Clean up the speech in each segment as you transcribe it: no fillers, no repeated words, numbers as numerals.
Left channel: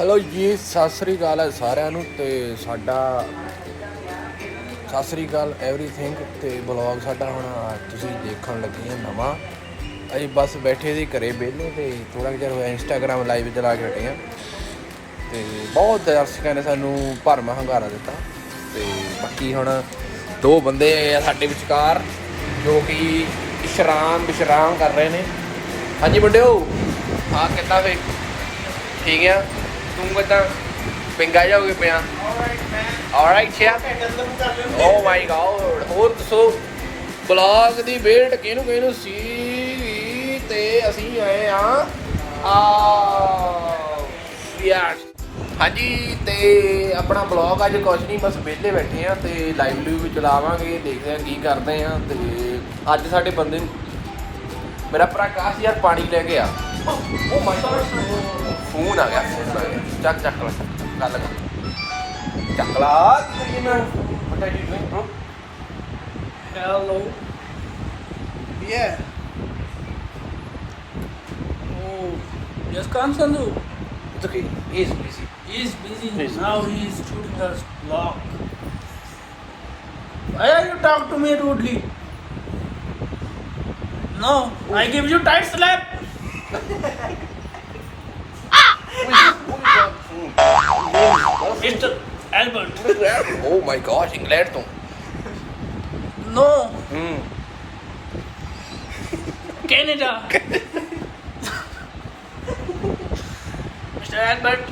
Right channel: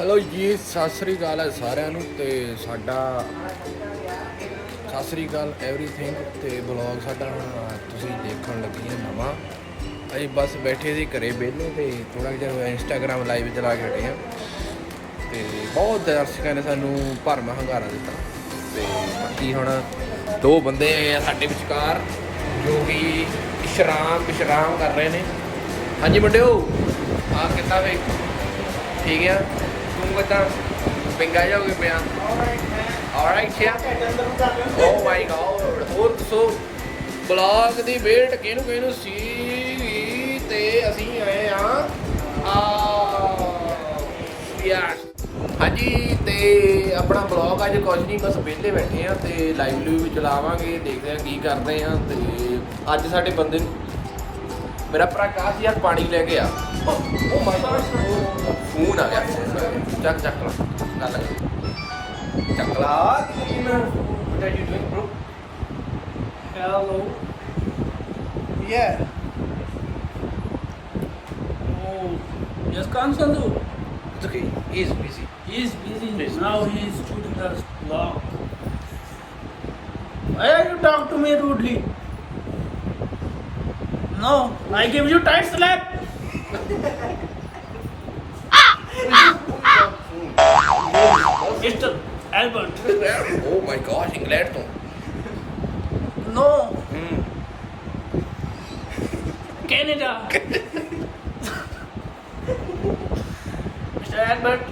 Hello जी, सत श्री अकाल है सारिਆਂ ਨੂੰ ਤੇ ਸਾਡਾ ਸਤ श्री अकाल एवरीथिंग ਤੇ ਬਲੌਗ ਸਾਡਾ ਹੁਣ ਤੁਸੀਂ ਦੇਖਣ ਲੱਗੇ ਆ ਨਵਾਂ। ਅਸੀਂ ਬਸ ਬੈਠੇ ਸੀ ਘਰੇ ਵਿਹਲੇ ਤੇ ਥੋੜਾ ਜਿਹਾ ਹੋਇਆ ਇੰਸਟਾਗ੍ਰਾਮ ਲਾਈਵ ਚਲਾ ਕੇ ਹਟੇ ਆ ਤੇ ਬਹੁਤ ਦਰਸ਼ਕਾਂ ਨੇ ਸਾਨੂੰ ਭਰਮਾ ਹੰਗਾਰਾ ਦਿੱਤਾ ਤੇ ਬਾਕੀ ਹੁਣ ਦੋ ਬੰਦੇ ਆ ਸਾਡੇ ਵਿਚਕਾਰ ਜੋ ਕਿ ਵਿਸ਼ਰਾਮ ਕਰ ਰਹੇ ਨੇ। ਹਾਂਜੀ ਮੁੰਡਿਓ, ਹਾਂ ਕਿੱਦਾਂ ਫੇ ਠੀਕ ਆ? ਤੂੰ ਕਿੱਦਾਂ ਪਿੰਗਾ ਜਾਓਗੇ ਪਿਆ? ਆਲਰਾਈਟ ਯਾ ਓ ਮਾਈ ਗॉड। ਹੋਰ ਦੱਸੋ ਬਲੌਗ ਦੀ ਵੇਟ ਕਿਹਨੂੰ ਸੀ ਤੇ ਅਸੀਂ ਆਏ ਆ ਯਾਰ। ਹਾਂਜੀ ਤੇ ਆਪਣਾ ਬਲੌਗ ਅੱਜ ਕੁਛ ਨਹੀਂ, ਬਸ ਵਿਹਲੇ ਬੈਠੇ ਆ ਤੇ ਲਾਈਵ ਵੀ ਚਲਾਵਾਂਗੇ, ਦੇਖਦੇ ਆ ਕੀ ਕਰਦੇ ਆ। ਤੇ ਅੱਜ ਸਾਡੇ ਬੰਦੇ ਮੇਰਾ ਭਰਾ ਕਾਸ਼ ਯਾਰ ਪਾਣੀ ਲੈ ਕੇ ਆ। ਓ ਮਾਈ ਗॉड, ਫੋਨ ਆ ਗਿਆ। ਚੱਕ ਲਾ ਗੱਲ ਕਰ, ਚੱਕ ਲਾ। What are you doing, bro? Hello. Yeah. Oh, yes, Kansandu. It's okay, he's busy. He's busy. Now he's shooting us vlog. Why are you talking to me rudely? No, I give you tight slap. Mr. Albert. Oh my God, England ਤੋਂ। No. Canada. Mr. Albert,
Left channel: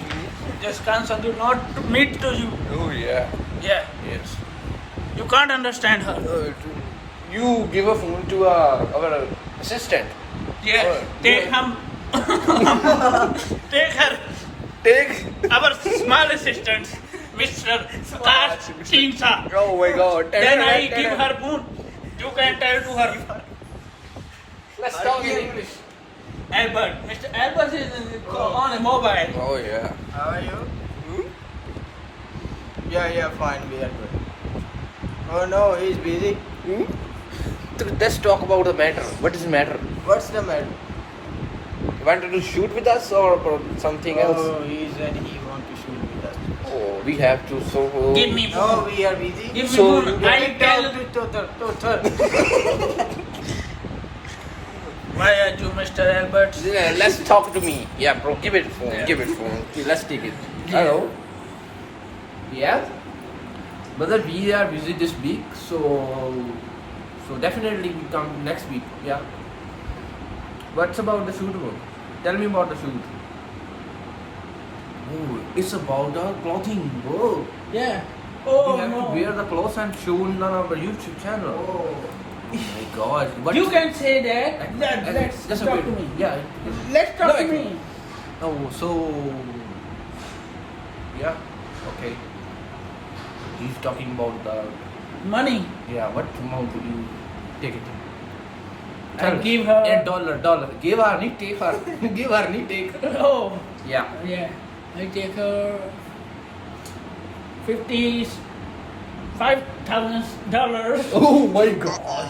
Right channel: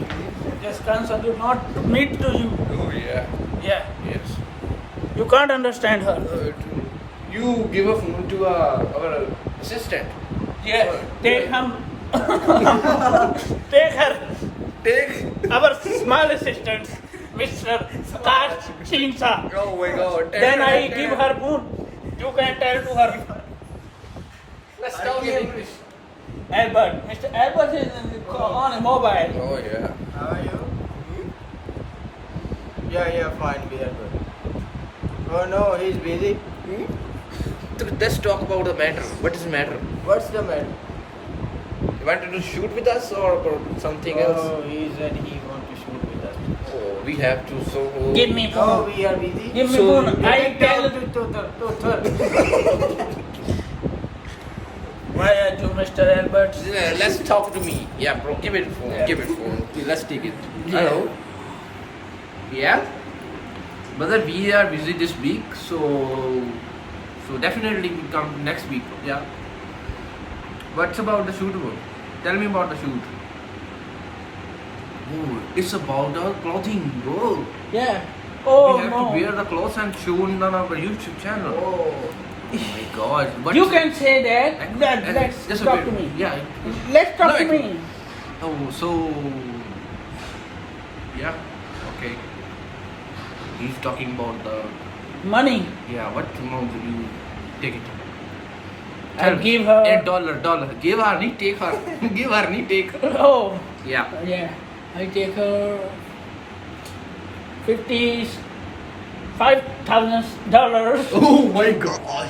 just Kansandu not to meet to you. Oh yeah, Yeah, yes. you can't understand her. You give a phone to our assistant. Yeah, take him. Take her. Take. Our small assistant, Mr. Kash Chinsa. Oh my God. Then I give her phone. You can tell to her. Let's talk in English. Albert. Mr. Albert is on a mobile. Oh yeah. How are you? Yeah, fine. We are good. Oh no, he's busy. Let's talk about the matter. What is the matter? What's the matter? You wanted to shoot with us or something else? Oh, he said he want to shoot with us. Oh, we have to. So Give me No, phone. we are busy. Give me So, phone. You I can tell. talk to third. Why are you, Mr. Albert? Yeah, let's talk to me. Yeah, bro, give it phone. Give it phone. Let's take it. Hello. Yeah. Brother, we are busy this week, so definitely we come next week. Yeah. What's about the shoot, bro? Tell me about the shoot. Oh, it's about the clothing, bro. Yeah. We Oh have no. to wear the clothes and show on our YouTube channel. Oh. Oh my God. What You can say that. Let's Just talk wait. to me. Yeah. Let's talk No, to me. Oh, so yeah, okay. He's talking about the Money. what amount do you take it? I'll give her. $8. Give her, नहीं take her. Give her, नहीं take. Oh. Yeah. Yeah. I take her $55,000. Oh my God.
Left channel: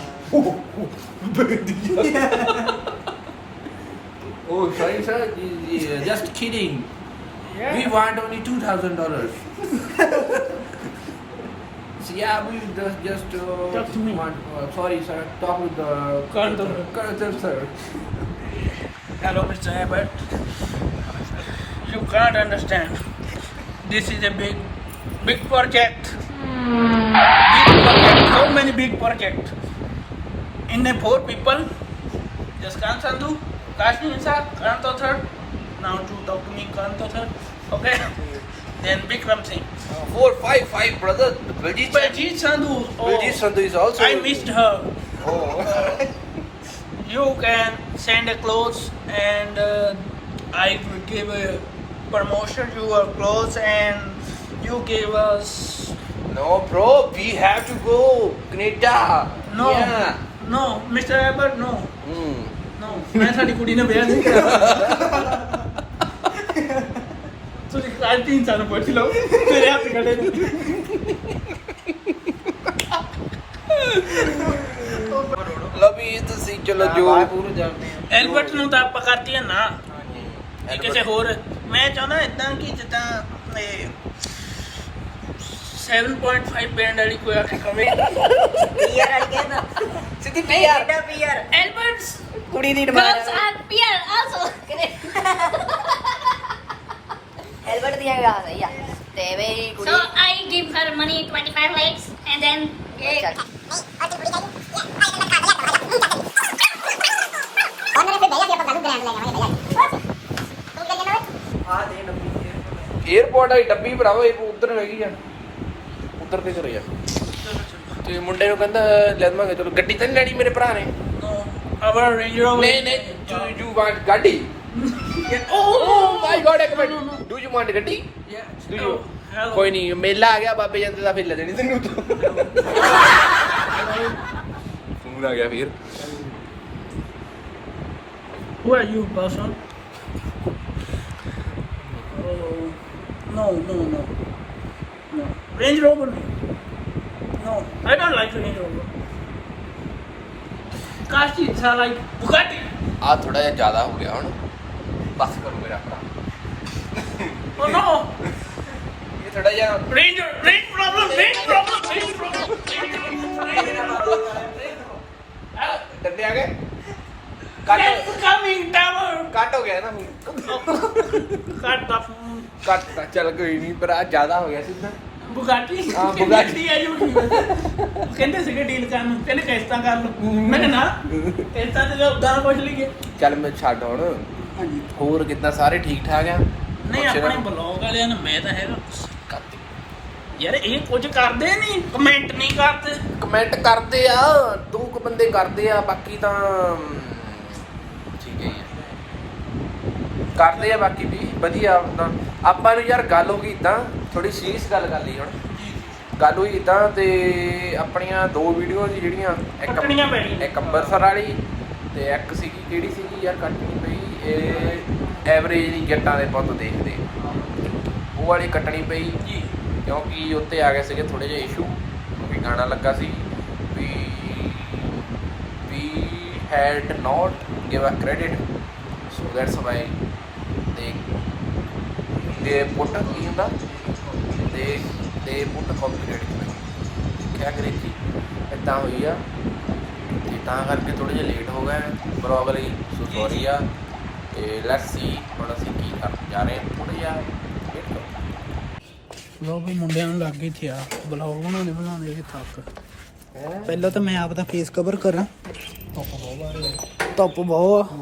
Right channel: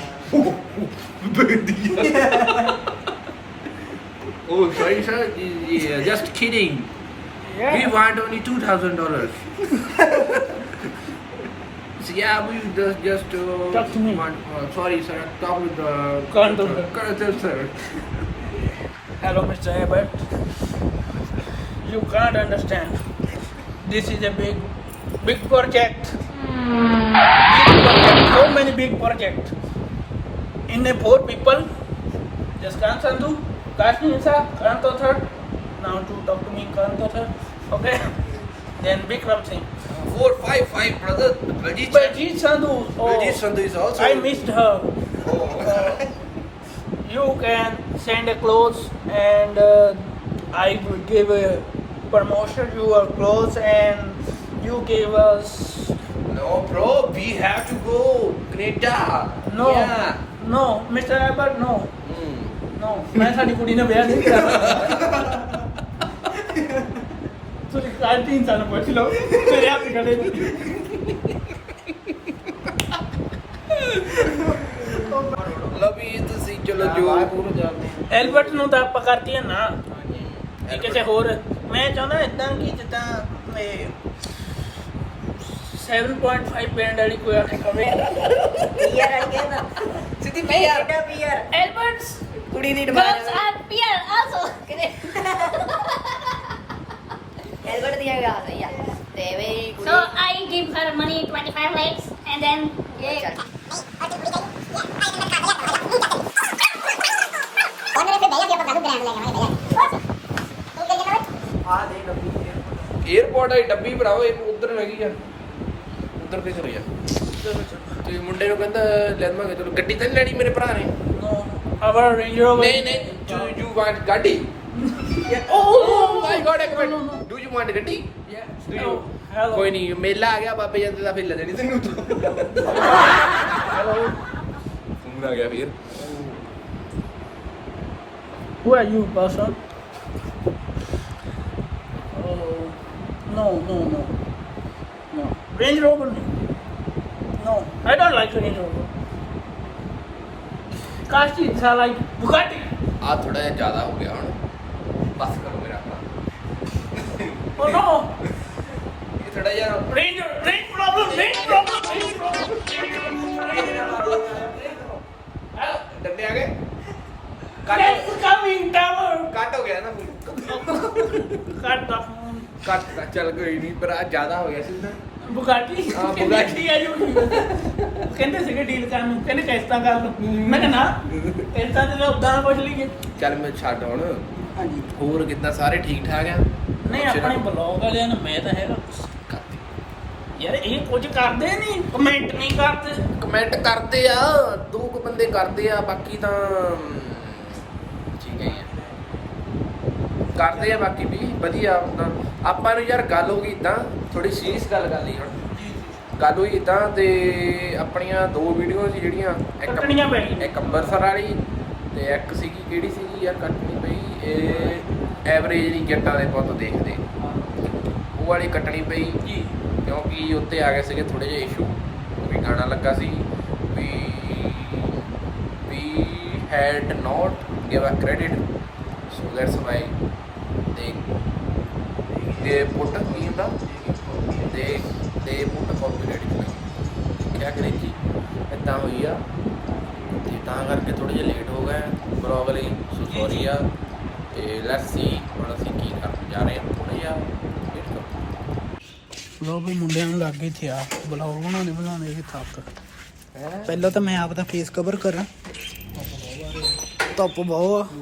Oh, sorry, sir. Yeah, just kidding. Yeah. We want only $2,000. So yeah, we just Talk to me. want. Sorry, sir. Talk with the Conductor. sir. Hello, Mr. Abbott. You can't understand. This is a big project. So many big projects. In a 4 people. Just Kansandu, Kashmisa, Kanto third. Now to talk to me, Kanto third. Okay. Then Bikram Singh. 4, 5, 5, brother. Baljeet Sandhu. Baljeet Sandhu is also. I missed her. Oh. You can send a clothes and I will give a promotion to your clothes and you give us No, bro. We have to go Canada. no Yeah. no Mr. Albert no Mm. no मैं साडी कुड़ी ने ब्याह नहीं करा ਤੁਸੀਂ ਕੱਲ 3 ਸਾਲ ਪੁੱਛ ਲਓ ਮੇਰੇ ਹੱਥ ਖੜੇ ਨੇ ਲਵੀ ਤੁਸੀਂ ਚਲੋ ਜੋ ਬਾਹਰ ਪੂਰੇ ਜਾਂਦੇ ਆ। ਐਲਬਰਟ ਨੂੰ ਤਾਂ ਆਪਾਂ ਕਰਤੀ ਹੈ ਨਾ ਹਾਂਜੀ। ਇਹ ਕਿਸੇ ਹੋਰ ਮੈਂ ਚਾਹੁੰਦਾ ਇਦਾਂ ਕਿ ਜਿੱਦਾਂ 7.5 ਬੈਂਡ ਵਾਲੀ ਕੋਈ ਆ ਕੇ ਕਵੇ ਪੀਆਰ ਵਾਲੀ ਕਹਿੰਦਾ ਸਿੱਧੀ ਪੀਆਰ ਪੀਆਰ Alberts, ਕੁੜੀ ਦੀ girls are PR also. Albert ਦੀਆਂ ਗਾ ਯਾ ਤੇ ਵੇ ਕੁੜੀ So I give her money 25 lakhs and then ਆ ਦੇ ਡੱਬੂ 에어ਪੋਰਟ ਆਈ ਡੱਬੀ ਭਰਾਓ ਇੱਕ ਉਧਰ ਹੈਗੀ ਆ ਉਧਰ ਤੇ ਕਰਿਆ ਤੇ ਮੁੰਡੇ ਨੂੰ ਕਹਿੰਦਾ ਲੈ ਦਵਾਂਗੇ ਚਲੋ ਗੱਡੀ ਤਾਂ ਨਹੀਂ ਲੈਣੀ ਮੇਰੇ ਭਰਾ ਨੇ ਨੋ ਆਵਰ ਰੇਂਜ ਰੋਵਰ ਨਹੀਂ ਨਹੀਂ ਯੂ ਵਾਂਟ ਗੱਡੀ ਓ ਮਾਈ ਗॉड ਇੱਕ ਮਿੰਟ ਡੂ ਯੂ ਵਾਂਟ ਗੱਡੀ ਡੂ ਯੂ hello. ਕੋਈ ਨਹੀਂ ਮੇਲਾ ਆ ਗਿਆ ਬਾਬੇ ਜਾਂਦੇ ਦਾ ਫਿਰ ਲੈ ਲੈਣੀ ਤੈਨੂੰ ਹੈਲੋ ਫੋਨ ਆ ਗਿਆ ਵੀਰ Who are you, person? Oh, no. Range Rover. No, I don't like Range Rover. Cars is like Bugatti. ਆ ਥੋੜਾ ਜਿਹਾ ਜ਼ਿਆਦਾ ਹੋ ਗਿਆ ਹੁਣ ਬਸ ਕਰੋ ਮੇਰਾ ਭਰਾ Oh no, ਇਹ ਥੋੜਾ ਜਿਹਾ range problem. ਡੰਡੇ ਆ ਗਏ It's coming, tower. ਕੱਟ ਹੋ ਗਿਆ ਨਾ Cut the phone. ਕੱਟ ਤਾਂ ਚੱਲ ਕੋਈ ਨਹੀਂ ਪਰ ਆ ਜ਼ਿਆਦਾ ਹੋ ਗਿਆ ਸਿੱਧਾ Bugatti. हाँ, Bugatti. ਕਹਿੰਦੇ ਸੀਗੇ ਡੀਲ ਕਰਨ ਨੂੰ ਕਹਿੰਦੇ ਕਿਸ਼ਤਾਂ ਕਰ ਲਓ ਮੈਂ ਕਿਹਾ ਨਾ ਕਿਸ਼ਤਾਂ ਤੇ ਉਦਾਂ ਕੁਝ ਲਈਏ ਚੱਲ ਮੈਂ ਛੱਡ ਹੁਣ ਹਾਂਜੀ ਹੋਰ ਕਿੱਦਾਂ ਸਾਰੇ ਠੀਕ ਠਾਕ ਆ ਨਹੀਂ ਆਪਣੇ ਬਲੌਗ ਵਾਲਿਆਂ ਨੇ ਮੈਂ ਤਾਂ ਹੈਗਾ ਯਾਰ ਇਹ ਕੁਝ ਕਰਦੇ ਨਹੀਂ ਕਮੈਂਟ ਨਹੀਂ ਕਰਦੇ ਕਮੈਂਟ ਕਰਦੇ ਆ ਦੋ ਕੁ ਬੰਦੇ ਕਰਦੇ ਆ ਬਾਕੀ ਤਾਂ ਠੀਕ ਹੈ ਹੀ ਆ ਕਰਦੇ ਆ ਬਾਕੀ ਵੀ ਵਧੀਆ ਆਪਣਾ ਆਪਾਂ ਨੂੰ ਯਾਰ ਗੱਲ ਹੋ ਗਈ ਇਦਾਂ ਥੋੜੀ ਸੀਰੀਅਸ ਗੱਲ ਕਰ ਲਈ ਹੁਣ ਗੱਲ ਹੋਈ ਇਦਾਂ ਤੇ ਆਪਣੀਆਂ ਦੋ ਵੀਡੀਓ ਸੀ ਜਿਹੜੀਆਂ ਕੱਟਣੀਆਂ ਪੈਣੀਆਂ। ਇੱਕ ਅੰਬਰਸਰ ਵਾਲੀ ਤੇ ਇੱਕ ਸੀਗੀ ਕਿਹੜੀ ਸੀਗੀ ਯਾਰ ਕੱਟਣੀ ਪਈ ਇਹ ਐਵਰੇਜ ਨਹੀਂ ਜੱਟਾਂ ਦੇ ਪੁੱਤ ਦੇਖਦੇ ਉਹ ਵਾਲੀ ਕੱਟਣੀ ਪਈ ਜੀ ਕਿਉਂਕਿ ਉੱਤੇ ਆ ਗਏ ਸੀਗੇ ਥੋੜੇ ਜਿਹੇ ਇਸ਼ੂ ਵੀ ਗਾਣਾ ਲੱਗਾ ਸੀ ਵੀ had not give a credit so that's why they put ਕੀ ਹੁੰਦਾ they put copyright claim ਦੇਖਿਆ ਅੰਗਰੇਜ਼ੀ ਇੱਦਾਂ ਹੋਈ ਆ ਤੇ ਤਾਂ ਕਰਕੇ ਥੋੜੇ ਜਿਹਾ ਲੇਟ ਹੋ ਗਏ ਬਲੌਗ ਲਈ ਸੋ ਸੌਰੀ ਆ ਤੇ ਲੈਟਸ ਸੀ ਹੁਣ ਅਸੀਂ ਕੀ ਕਰਨ ਜਾ ਰਹੇ ਹਾਂ ਥੋੜਾ ਜਿਹਾ ਵੇਟ ਕਰੋ ਲੋ ਵੀ ਮੁੰਡਿਆਂ ਨੂੰ ਲੱਗ ਗਈ ਥਿਆ ਬਲੌਗ ਬਣਾਉਂਦੇ ਵੀ ਥੱਕ ਪਹਿਲਾਂ ਤਾਂ ਮੈਂ ਆਪ ਦਾ ਫੇਸ ਕਵਰ ਕਰਾਂ ਧੁੱਪ ਬਹੁਤ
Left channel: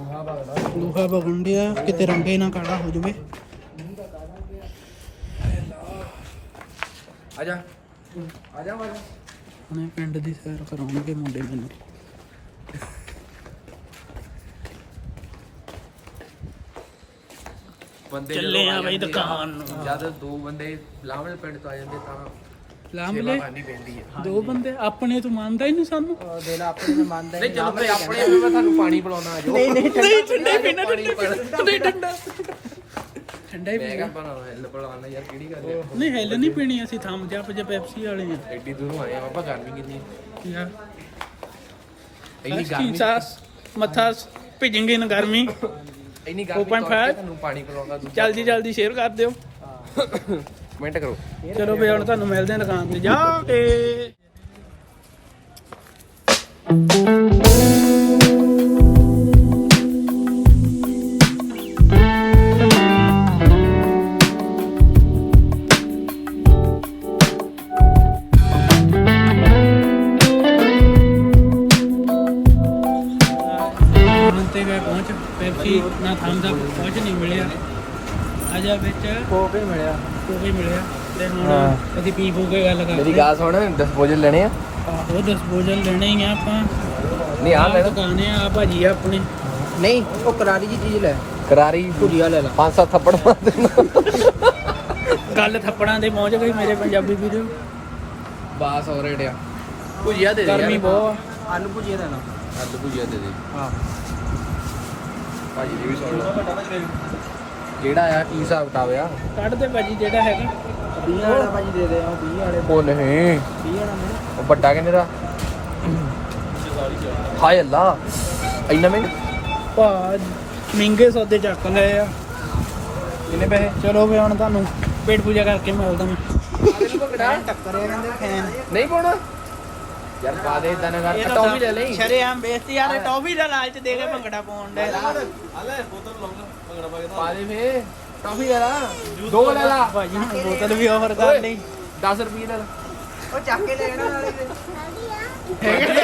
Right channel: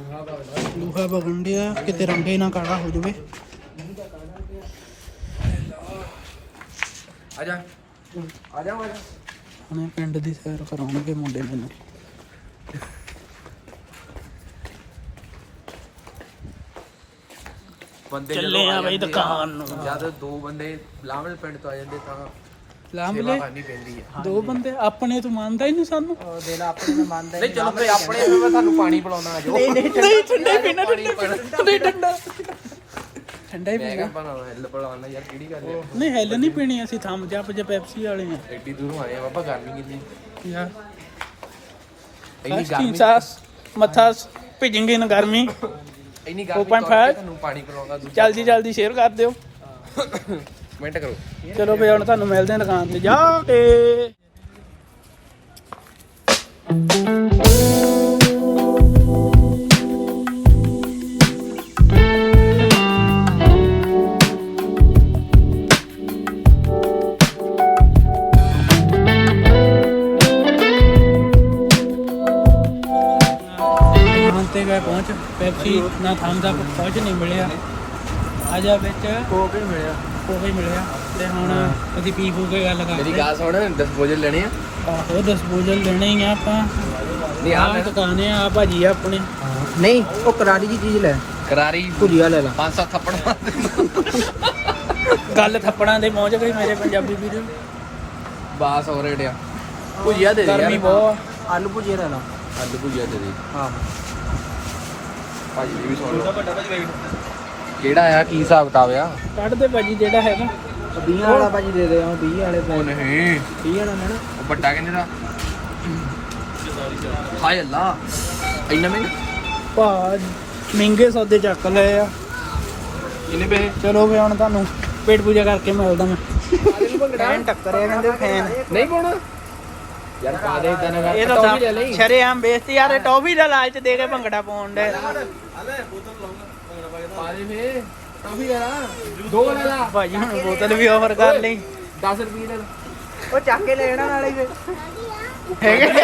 ਲੂਹਾ ਵਗੰਡਿਆ ਕਿਤੇ ਰੰਗੇ ਨਾ ਕਾਲਾ ਹੋ ਜਾਵੇ ਆ ਜਾ ਹੁਣੇ ਪਿੰਡ ਦੀ ਸੈਰ ਕਰਾਉਣਗੇ ਮੁੰਡੇ ਮੈਨੂੰ ਬੰਦੇ ਚੱਲੇ ਜਦੋਂ ਆ ਬਈ ਜਾਂਦੇ ਦੁਕਾਨ ਨੂੰ। ਜਦ ਦੋ ਬੰਦੇ ਲਾਵਲ ਪਿੰਡ ਤੋਂ ਆ ਜਾਂਦੇ ਤਾਂ ਲਾਂਬਲੇ ਕਰਨੀ ਪੈਂਦੀ ਆ ਦੋ ਬੰਦੇ ਆਪਣੇ ਤੋਂ ਮੰਨਦਾ ਹੀ ਨਹੀਂ ਸਾਨੂੰ ਦਿਲ ਆਪਣੇ ਨੂੰ ਮੰਨਦਾ ਨਹੀਂ ਚਲੋ ਫੇ ਆਪਣੇ ਮੈਂ ਤੁਹਾਨੂੰ ਪਾਣੀ ਪਿਲਾਉਣਾ ਆ ਜਾਓ ਨਹੀਂ ਠੰਡਾ ਪੀਣਾ ਨਹੀਂ ਠੰਡਾ ਠੰਡਾ ਹੀ ਮੈਂ ਪੀਣਾ ਕਿਹਾ ਬਣਾ ਹਿੱਲ ਪਿਲਾਉਣਾ ਯਾਰ ਕਿਹੜੀ ਗੱਲ ਹੈ ਨਹੀਂ ਹੈਲ ਨਹੀਂ ਪੀਣੀ ਅਸੀਂ ਥੰਮ ਜੱਪ ਜੇ ਪੈਪਸੀ ਵਾਲੇ ਆ ਐਡੀ ਦੂਰੋਂ ਆਏ ਆ ਬਾਬਾ ਗਰਮੀ ਕਿੰਨੀ ਯਾਰ ਇੰਨੀ ਗਰਮੀ ਮੱਥਾ ਭਿਜੇਂਗੇ ਨਾ ਗਰਮੀ ਇੰਨੀ ਗਰਮੀ 4.5 ਤੁਹਾਨੂੰ ਪਾਣੀ ਪਿਲਾਉਂਦਾ ਜਲਦੀ ਸ਼ੇਅਰ ਕਰ ਦਿਓ ਕਮੈਂਟ ਕਰੋ ਚਲੋ ਫੇ ਹੁਣ ਤੁਹਾਨੂੰ ਮਿਲਦੇ ਹਾਂ ਦੁਕਾਨ ਤੇ ਜਾ ਕੇ ਦੁਕਾਨ ਤੇ ਗਏ ਪਹੁੰਚ ਪੈਪਸੀ ਨਾ ਥੰਮਸ ਅਪ ਕੁਝ ਨਹੀਂ ਮਿਲਿਆ ਆ ਜਾ ਵਿੱਚ ਕੋਕ ਹੀ ਮਿਲਿਆ ਉਹ ਵੀ ਮਿਲਿਆ ਤੇ ਹੁਣ ਅਸੀਂ ਪੀ ਪੂ ਕੇ ਗੱਲ ਕਰਦੇ ਮੇਰੀ ਗੱਲ ਸੁਣ ਡਿਸਪੋਜ਼ਲ ਲੈਣੇ ਆ ਆਹੋ ਡਿਸਪੋਜ਼ਲ ਲੈਣੇ ਹੀ ਆ ਆਪਾਂ ਨਹੀਂ ਆਹ ਦੁਕਾਨ ਆ ਭਾਜੀ ਆ ਆਪਣੀ ਨਹੀਂ ਉਹ ਕਰਾਰੀ ਜੀ ਚੀਜ਼ ਲੈ ਕਰਾਰੀ ਭੁਜੀਆ ਲੈ ਲੈ 5-7 ਥੱਪੜ ਮਾਰ ਦੇ ਗੱਲ ਥੱਪੜਾਂ ਦੇ ਪਹੁੰਚ ਗਈ ਮੇਰੇ ਪੰਜਾਬੀ ਵੀਡੀਓ ਬਾਸ ਹੋ ਰਿਹਾ ਭੁਜੀਆ ਦੇ ਗਰਮੀ ਬਹੁਤ ਆਲੂ ਭੁਜੀਆ ਲੈ ਲਾ ਆਲੂ ਭੁਜੀਆ ਦੇ ਦੇ ਆਹੋ ਭਾਜੀ ਵੀ ਕਿਹੜਾ ਆ ਕੀ ਹਿਸਾਬ ਕਿਤਾਬ ਆ ਕੱਢ ਦੇ ਭਾਜੀ ਜਿਹੜਾ ਹੈਗਾ 20 ਵਾਲਾ ਭਾਜੀ ਦੇ ਦੇ ਉਹ 20 ਵਾਲੇ ਉਹ ਨਹੀਂ 20 ਵਾਲਾ ਨਾ ਉਹ ਵੱਡਾ ਕਿੰਨੇ ਦਾ ਹਾਏ ਅੱਲਾ ਇੰਨਾ ਮਹਿੰਗਾ ਭਾ ਮਹਿੰਗੇ ਸੌਦੇ ਚੱਕ ਲਏ ਆ ਕਿੰਨੇ ਪੈਸੇ ਚਲੋ ਫੇ ਹੁਣ ਤੁਹਾਨੂੰ ਪੇਟ ਪੂਜਾ ਕਰਕੇ ਮਿਲਦਾ ਮੈਂ ਫੈਨ ਟੱਕਰਿਆ ਕਹਿੰਦੇ ਫੈਨ ਨਹੀਂ ਪਾਉਣਾ ਯਾਰ ਪਾ ਦੇ ਇਦਾਂ ਨਾ ਇਹ ਕਰ ਤਾਂ ਵੀ ਲੈ ਲਈ ਸ਼ਰੇਆਮ ਬੇਇੱਜ਼ਤੀ ਯਾਰ ਇਹ ਟੌਫੀ ਦਾ ਲਾਲਚ ਦੇ ਕੇ ਭੰਗੜਾ ਪਾਉਣ ਦੇ ਪਾ ਦੇ ਫੇ ਟੌਫੀ ਲੈ ਲਾ 2 ਲੈ ਲਾ ਭਾਜੀ ਹੁਣ ਬੋਤਲ ਵੀ ਆਫਰ ਕਰ ਲਈ 10 ਰੁਪਏ ਲੈ ਲਾ ਉਹ ਚੱਕ ਕੇ ਲੈਣਾ ਵਾਲੀ ਨੇ ਹੈਗੇ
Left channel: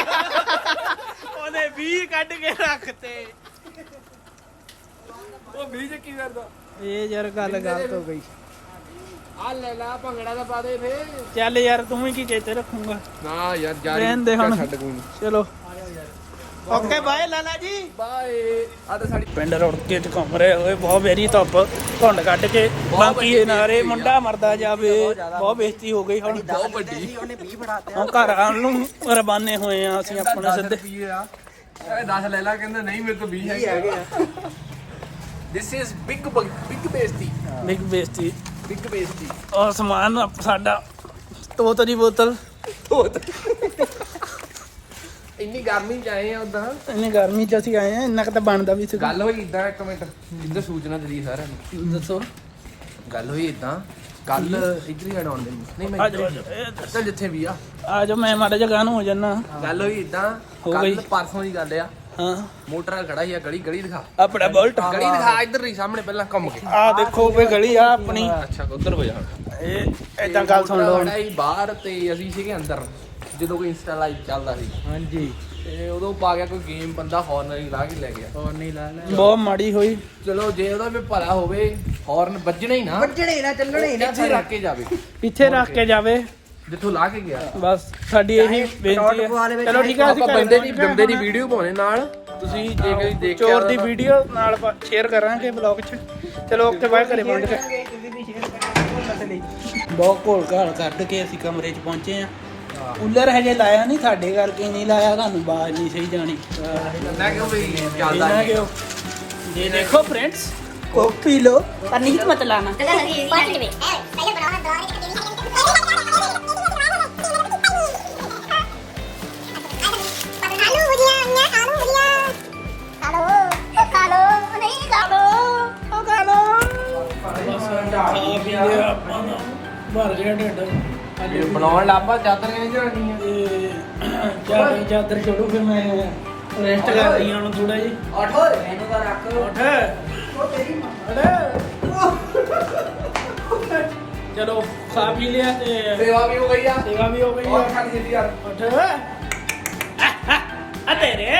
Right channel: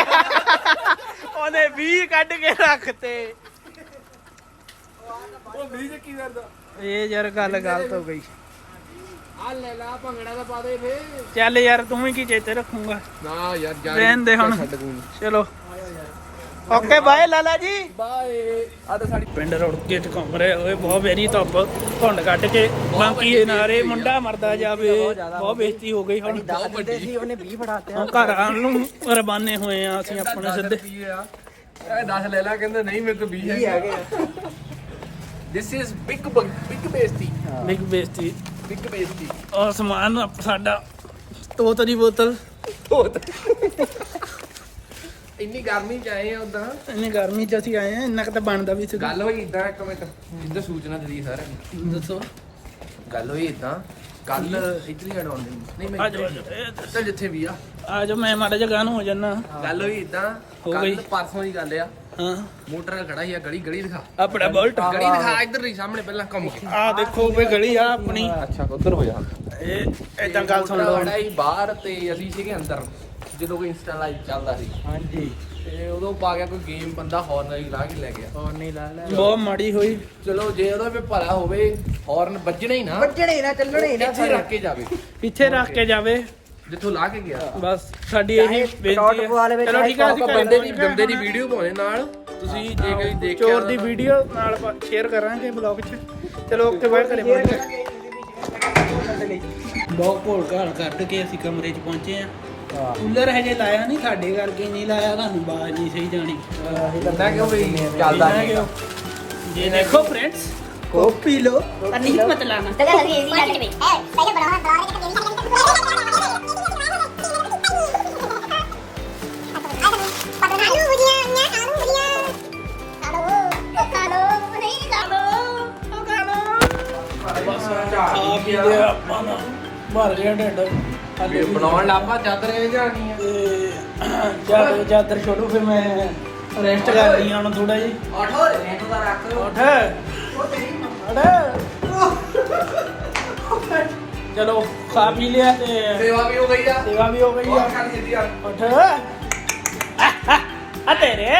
ਉਹਨੇ 20 ਕੱਢ ਕੇ ਰੱਖਤੇ ਉਹ 20 ਚ ਕੀ ਕਰਦਾ ਇਹ ਯਾਰ ਗੱਲ ਗਲਤ ਹੋ ਗਈ ਆ ਲੈ ਲਾ ਭੰਗੜਾ ਦਾ ਪਾ ਦੇ ਫੇ ਚੱਲ ਯਾਰ ਤੂੰ ਵੀ ਕੀ ਚੇਤੇ ਰੱਖੂਗਾ ਨਾ ਯਾਰ ਜਾ ਰਹਿਣ ਦੇ ਹੁਣ। ਛੱਡ ਕੋਈ ਚਲੋ okay bye Lala ji bye ਆ ਤਾਂ ਸਾਡੀ ਪਿੰਡ ਰੁੜਕੇ ਚ ਘੁੰਮ ਰਹੇ ਹੋਏ ਬਹੁਤ ਵੇਰੀ ਧੁੱਪ ਧੁੰਡ ਕੱਢ ਕੇ ਬਾਕੀ ਇਹ ਨਾਰੇ ਮੁੰਡਾ ਮਰਦਾ ਜਾਵੇ ਬਹੁਤ ਬੇਇੱਜ਼ਤੀ ਹੋ ਗਈ ਹੁਣ ਉਹਨੇ 20 ਫੜਾਤੇ ਹੁਣ ਘਰ ਆਉਣ ਨੂੰ ਰਵਾਨੇ ਹੋਏ ਆ ਅਸੀਂ ਆਪਣੇ ਸਿੱਧੇ ਰੁਪਏ ਆ ਇਹ 10 ਲੈ ਲਾ ਕਹਿੰਦੇ ਨਹੀਂ ਮੇਰੇ ਤੋਂ 20 ਹੈਗੇ ਦਿਸ ਇਜ਼ ਬਿਗ ਬੇਇੱਜ਼ਤੀ ਬਿਗ ਬੇਇੱਜ਼ਤੀ ਬਿਗ ਬੇਇੱਜ਼ਤੀ ਔਰ ਸਮਾਨ ਸਾਡਾ ਤੋਤ ਦੀ ਬੋਤਲ ਇੰਨੀ ਗਰਮੀ ਚ ਆਏ ਆ ਉਦਾਂ ਇੰਨੀ ਗਰਮੀ ਚ ਅਸੀਂ ਆਏ ਆ ਇੰਨਾ ਕੁ ਤਾਂ ਬਣਦਾ ਵੀ ਸੀ ਗੱਲ ਹੋਈ ਇਦਾਂ ਇੱਕ ਮਿੰਟ ਇੱਧਰ ਸੂਚਨਾ ਦੇ ਦੀ ਸਾਰਿਆਂ ਨੂੰ ਦੱਸੋ ਗੱਲ ਹੋਈ ਇਦਾਂ ਕੱਲ ਇੱਧਰ ਹੀ ਹਟਾਉਂਦੇ ਨਹੀਂ ਮੈਂ ਆ ਜਾਓ ਇੱਧਰ ਜਿੱਥੇ ਵੀ ਆ ਆ ਜਾਓ ਮੈਂ ਮਾੜਾ ਜਿਹਾ ਗਾਣ ਹੋ ਜਾਣਾ ਗੱਲ ਹੋਈ ਇਦਾਂ ਹੋ ਕੱਲ ਗਈ। ਪਰਸੋਂ ਦੀ ਗੱਲ ਆ ਹਾਂ ਮੋਟਰ ਖੜਾ ਸੀ ਆ ਗਲੀ ਦਿਖਾ ਆਪਣਾ ਬੁਲਟ ਗਲੀ ਦਿਖਾ ਇੱਧਰ ਹੀ ਸਾਹਮਣੇ ਪਹਿਲਾਂ ਘੁੰਮ ਕੇ ਆ ਦੇਖੋ ਵੀ ਗਲੀ ਆ ਆਪਣੀ ਅੱਛਾ ਉਧਰ ਹੋ ਜਾ ਇਹ ਏਦਾਂ ਗੱਲ ਸੁਣ ਲਓ ਹੁਣ। ਖੜਾ ਸੀ ਬਾਹਰ ਤੇ ਅਸੀਂ ਸੀਗੇ ਅੰਦਰ ਜਦੋਂ ਕੋਈ ਇੰਸਟਾ ਲਾਈਵ ਚੱਲਦਾ ਸੀ ਹਾਂਜੀ ਤੇ ਉਦੋਂ ਪਾ ਗਿਆ ਕੋਈ ਗੇਮ ਬੰਦਾ ਹਾਰਨ ਲਾ ਕੇ ਲੈ ਗਿਆ ਬਹੁਤ ਮਾੜੀ ਹੋਈ ਚਲੋ ਜੇ ਉਹਦਾ ਵੀ ਭਲਾ ਹੋਵੇ ਹਾਰਨ ਵੱਜਣਾ ਹੀ ਨਾ ਵੱਜਣੇ ਨਾ ਚੱਲਣੇ ਹੀ ਨਾ ਇੱਥੇ ਰੱਖ ਕੇ ਜਾਵੇ ਇੱਥੇ ਰੱਖ ਕੇ ਜਾਵੇ ਜਿੱਥੋਂ ਲਾ ਕੇ ਗਿਆ ਬਸ ਸਾਡੀ ਇਹੀ ਬੇਨਤੀ ਹੈ ਚਲੋ ਠੀਕ ਆ ਅਸੀਂ ਘਰੇ ਪਹੁੰਚ ਗਏ ਬੰਦੇ ਦੀ ਹੁਣ। ਵੀਡੀਓ ਪਾਉਣੇ ਨਾਲ ਤੁਸੀਂ ਜੇ ਕੋਈ ਦੇਖ ਚੋਰ ਦੀ ਵੀਡੀਓ ਨਾਲ ਸ਼ੇਅਰ ਕਰਾਂਗੇ ਬਲੌਗ 'ਚ ਚਲੋ ਓਕੇ ਬਾਏ ਘਰੇ ਪਹੁੰਚ ਗਏ ਬਹੁਤ ਘੋਲ ਘਾਲ ਕੱਢ ਕੇ ਅਸੀਂ ਕਮਰੇ 'ਚ ਪਹੁੰਚੇ ਆ ਕੂਲਰ ਹਜੇ ਲਾਇਆ ਨਹੀਂ ਸਾਡੇ ਕਰਕੇ ਨਹੀਂ ਲਾਇਆ ਤੁਹਾਨੂੰ ਬਾਜ਼ ਨਹੀਂ ਸਹੀ ਜਾਣੀ ਬੰਦਾ ਕਿਉਂ ਵੀ ਇਹਨਾਂ ਕਿਉਂ ये देखो फ्रेंड्स कोक पी लो पर नहीं मत लाना पाँच रुपए बस खा पी लिया ਆਪਾਂ ਦਾ ਭਰ ਗਿਆ ਢਿੱਡ ਹਾਲੇ ਬਣਾਉਣ ਲੱਪਾ ਚਾਦਰ ਕਿਵੇਂ ਜਾਣੀ ਚਾਦਰ ਚਾਦਰ ਛੋੜੋ ਫਿਰ ਮੈਂ ਰੈਸਟ ਕਰ ਰਹੀ ਹਾਂ ਹੁਣ ਥੋੜਾ ਜੀ ਮੈਨੂੰ ਤਾਂ ਰੱਖ ਉੱਠ ਚਲੋ ਖਾ ਪੀ ਲਿਆ ਤੇ ਸੇਵਾ ਵੀ ਹੋ ਗਈ ਆ ਸੇਵਾ ਵੀ ਹੋ ਗਈ ਆ ਛੱਡ ਦਿੱਤੀ ਯਾਰ ਉੱਠ ਆ ਤੇਰੇ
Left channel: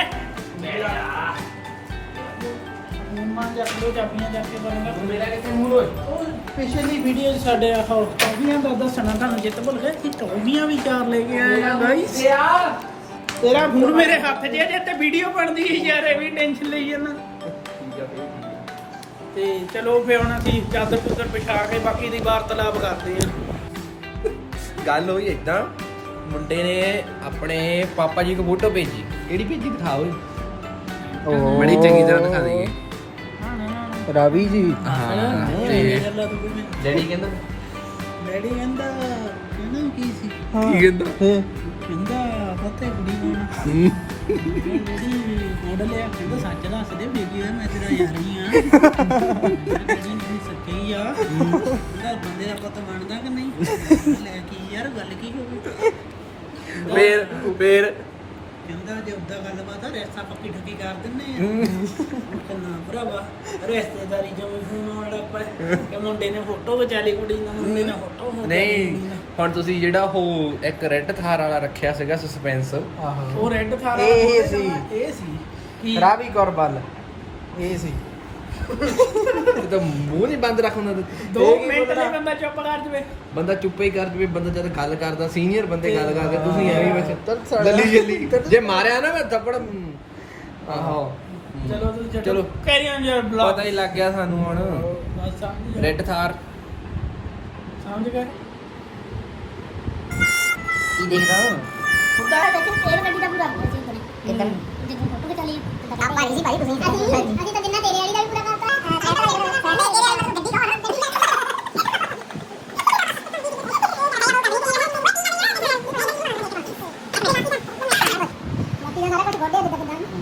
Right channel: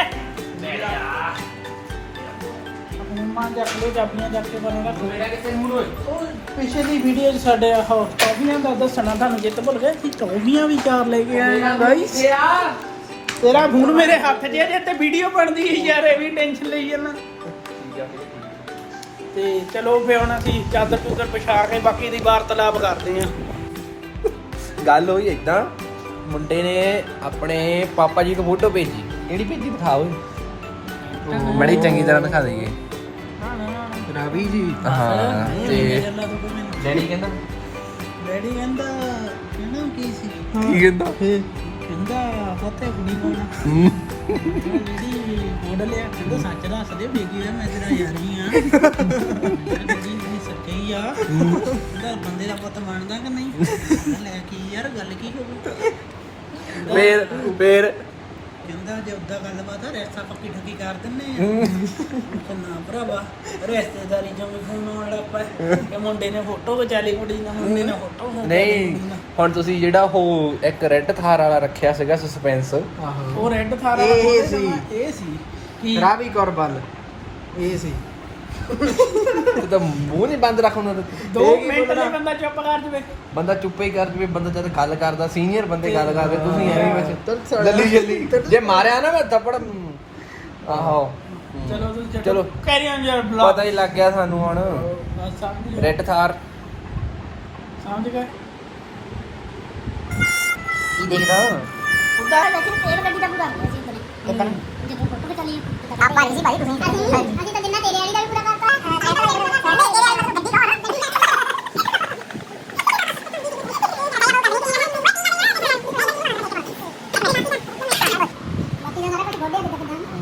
ਮਾਂ ਦੇ ਆਪਣੇ ਕਰਕੇ ਬਣੇਗਾ ਮੇਰਾ ਕਿੱਥੇ ਮੂਡ ਹੋਏ ਪਿਛਲੀ ਵੀਡੀਓ 'ਚ ਸਾਡੇ ਆਹ ਟੌਫੀਆਂ ਦਾ ਦੱਸਣਾ ਤੁਹਾਨੂੰ ਜਿੱਤ ਭੁੱਲ ਗਏ ਕਿ ਟੌਫੀਆਂ ਵੀ 4 ਲੈ ਕੇ ਆਏ ਆ ਗਾਈਸ ਤੇਰਾ ਫੋਨ ਮੇਰੇ ਹੱਥ 'ਚ ਹੈ ਤੇ ਵੀਡੀਓ ਬਣਦੀ ਹੈ ਯਾਰ ਇਹ ਵੀ ਟੈਨਸ਼ਨ ਲਈ ਜਾਂਦਾ ਤੇ ਚਲੋ ਫੇ ਹੁਣ ਅਸੀਂ ਚਾਦਰ ਚੁੱਦਰ ਵਿਛਾ ਕੇ ਬਾਕੀ ਦੀ ਵਾਰਤਾਲਾਪ ਕਰਦੇ ਆਂ ਗੱਲ ਹੋਈ ਇਦਾਂ ਮੁੰਡੇ ਨੇ ਆਪਣੇ ਪਾਪਾ ਜੀ ਕੋ ਫੋਟੋ ਭੇਜੀ ਕਿਹੜੀ ਭੇਜੀ ਦਿਖਾਓ ਬੜੀ ਚੰਗੀ ਤਰ੍ਹਾਂ ਦਿਖਾ ਦੇਈਏ ਰਵੀ ਜੀ ਹਾਂ ਤੇ ਡੈਡੀ ਕਹਿੰਦਾ ਡੈਡੀ ਕਹਿੰਦਾ ਕੀ ਸੀ ਕਹਿੰਦਾ ਕਹਿੰਦਾ ਫਤੇ ਕੁੜੀ ਪਾਉਣਾ ਜਿਹੜੀ ਮਾਡਲ ਆ ਕਹਿੰਦਾ ਸੱਚ ਦੱਸ ਦੇ ਬੇਗੀ ਆ ਮੈਂ ਤੇਰਾ ਯਾਰ ਹੀ ਆ ਜਿਹੜੀ ਸੱਚੀ ਆ ਜਿਹੜਾ ਬੰਦੇ ਦਾ ਪੁੱਤ ਮੰਨਦਾ ਕਿ ਨਹੀਂ ਲੈ ਕੀ ਯਾਰ ਗੱਲ ਕੀ ਹੋਊ ਫੇਰ ਕਹਿੰਦਾ ਜੇ ਉਦਾਂ ਗੱਲਬਾਤ ਆ ਰੈਸਾ ਪੱਕੀ ਠੱਗੀ ਕਰ ਦਿੰਨੇ ਆ ਕਹਿੰਦਾ ਭਰਾਵਾ ਰਿਸ਼ਤੇਦਾਰੀ ਜਿਵੇਂ ਫੋਨ ਆਉਣ ਲੱਗ ਪਏ ਕਿ ਮੁੰਡੇ ਨੇ ਫੋਟੋ ਖਿਚਾ ਲਈ ਕੁੜੀ ਨਾਲ ਮੁੰਡੇ ਨੇ ਫੋਟੋ ਖਿਚਾ ਲਈ ਕੁੜੀ ਨਹੀਂ ਨਾਲ ਹੁਣ ਤੁਸੀਂ ਜਿਹੜਾ ਉਹ ਇੱਕ ਰੈੱਡ ਥਾਰ ਵਾਲਾ ਰੱਖਿਆ ਸੀਗਾ ਸਸਪੈਂਸ ਉਹ ਰੈੱਡ ਥਾਰ ਵਾਲਾ ਇਹ ਥੋੜ੍ਹੇ ਸੀ। ਸਮਾਂ ਇਹ ਸੀ ਕਿ ਰਾਵੀ ਗੁਰਬਲ ਇਹ ਸੀ ਤਾਂ ਮੂੰਹ ਨਹੀਂ ਬੰਦ ਰੱਖ ਉਹਨਾਂ ਦਾ 2 ਮਿੰਟ ਲਈ ਬੰਦਾ ਚੁੱਪ ਕਰ ਜਵੇ ਬੰਦਾ ਚੁੱਪੇ ਹੀ ਕਰ ਜਵੇ ਬੰਦਾ ਜਦ ਗੱਲ ਕਰਦਾ ਸੀਨੀਅਰ ਬੰਦੇ ਗੱਲ ਕਰਦੇ ਤੁਸੀਂ ਐਵੇਂ ਵਿੱਚ ਚੱਲ ਜਲਦੀ ਜਲਦੀ ਜੇ ਮਾਰਿਆ ਨਾ ਮੈਂ ਥੱਪੜ ਆਹੋ ਚਲੋ ਤੁਸੀਂ ਚਲੋ। ਕੈਰੀ ਔਨ ਯਰ ਬਲੌਗ ਪਤਾ ਹੀ ਲੱਗ ਗਿਆ ਸਾਨੂੰ ਹੁਣ ਬਸ ਸਮਝ ਰੈੱਡ ਥਾਰ ਸਮਝ ਗਏ ਕੀ ਦੇਖਦਾ उधर देखो पेड़ लगी था पूरा ऐसे ही करी एकदम जितने फोटो पे चली आप वाली जी भाई तुम अजी तो जिन्ना तेरे वाली दा भी पूरा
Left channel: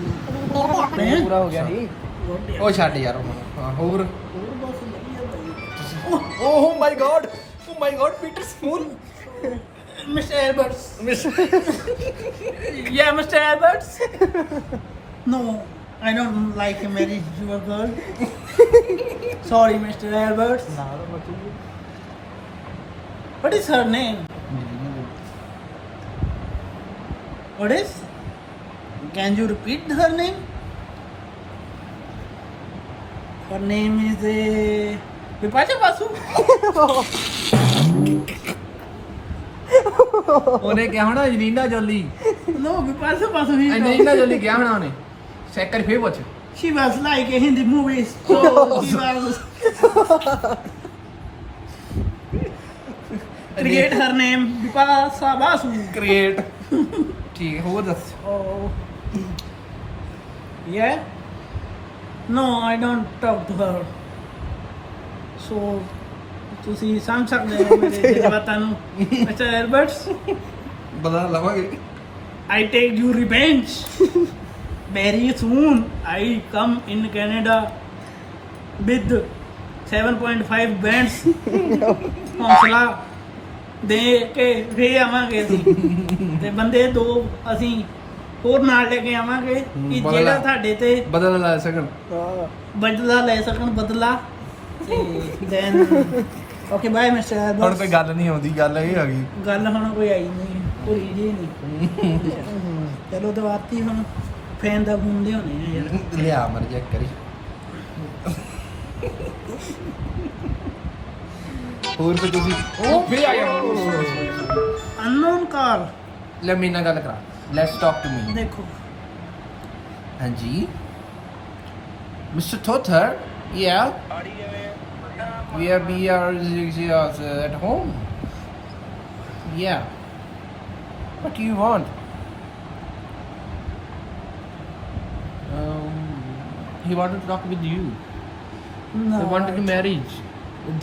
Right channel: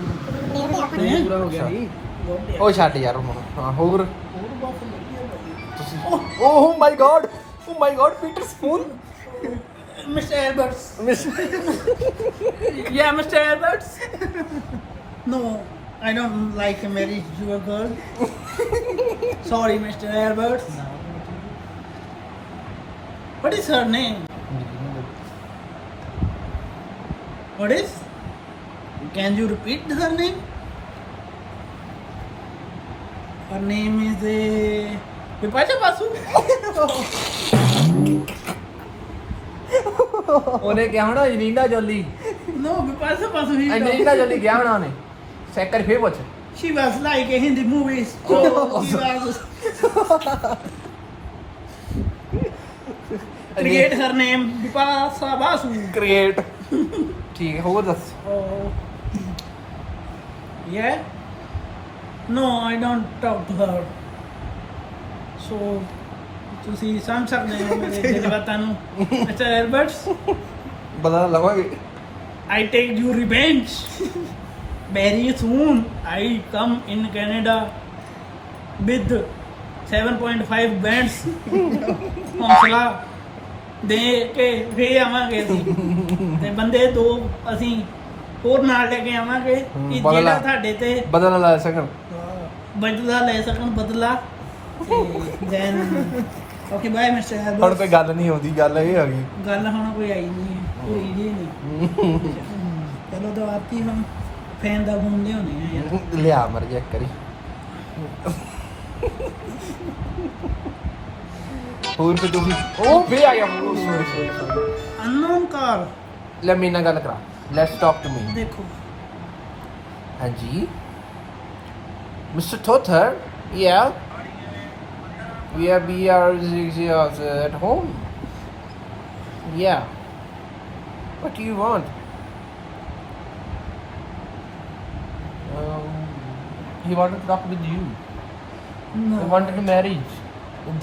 ਪੂਰਾ ਹੋ ਗਿਆ ਜੀ ਉਹ ਛੱਡ ਯਾਰ ਹੁਣ ਹਾਂ ਹੋਰ ਹੋਰ ਬਸ ਵਧੀਆ ਭਾਈ Oh my god, Peter Spoon. Mr. Alberts. Yeah, Mr. Alberts. No, I don't like to marry your girl. Sorry, Mr. Alberts. What is her name? What is? Can you repeat her name? Her name is Vipasha Basu. ਉਹਨੇ ਕਿਹਾ ਹੋਣਾ Angelina Jolie No, Vipasha Basu. Angelina Jolie ਕਿਹਾ ਹੋਣਾ ਉਹਨੇ check ਕਰ ਫੇਰ ਪੁੱਛ She was like in the movies. So she was. Create her name Vipasha Basu. Create ਠੀਕ ਹੈ ਹੋਰ ਦੱਸ Oh. Yeah? No, I don't talk to her. So, ਤੁਸੀਂ ਸਮਝ ਸਕਦੇ ਹੋ ਮੇਰੇ ਜਜ਼ਬਾਤਾਂ ਨੂੰ Mr. Alberts. ਬਦਲਾ ਲਵਾਂਗੇ I take you revenge. Very soon I come in Canada with 7.5 bands. ਹੌਸਲਾ ਦੇ ਕੇ ਫੇਰ ਆਵਾਂਗੇ ਅਸੀਂ ਤੇ ਬੰਦੇ 2 ਅਸੀਂ ਹੋਰ ਨਾਲ ਲੈ ਕੇ ਆਵਾਂਗੇ ਕਿ ਬਦਲਾ। ਜਿਹੜਾ ਤੁਹਾਡੇ ਤੇ ਬਦਲਾ ਲੈ ਸਕਣ ਬਦਲਾ ਲੈ ਸਕਣ ਬਦਲਾ ਤੇ ਦੈਨ ਓਕੇ ਬਾਏ ਮਿਸਟਰ ਹੁਣ ਐਲਬਰਟ ਕੋਈ ਗੱਲ ਨਹੀਂ ਆਉਂਦੀ ਗੱਲ ਇਹ ਆ ਗਈ ਗੱਲ ਹੁਣ ਕੋਈ ਆਈ ਨਹੀਂ ਪੂਰੀ ਜੀ ਨਹੀਂ ਚਲੋ ਦਵਾਤੀ ਹੁਣ ਫੈਨ ਦਾ ਫੋਨ ਲਿਆਉਣੇ ਆ ਯਾਰ ਲਿਆ ਮਰ ਜਾ ਕਰੀ ਹੋਰ ਵੀ ਤੁਸੀਂ ਉਹ ਵੀ ਆ ਗਿਆ ਅਨਨੋਨ ਕਾਲ ਲੈ ਮੇਰੇ ਨਾਲ ਗੱਲ ਕਰਾ ਲੈਟਸ ਟਾਕ ਟੂ ਮੀ ਦੇਖੋ ਹਾਂਜੀ ਮਿਸਟਰ ਥੋਥਰ ਯਾ we are at home yeah what do you want he wanted to talk with you he wanted to marry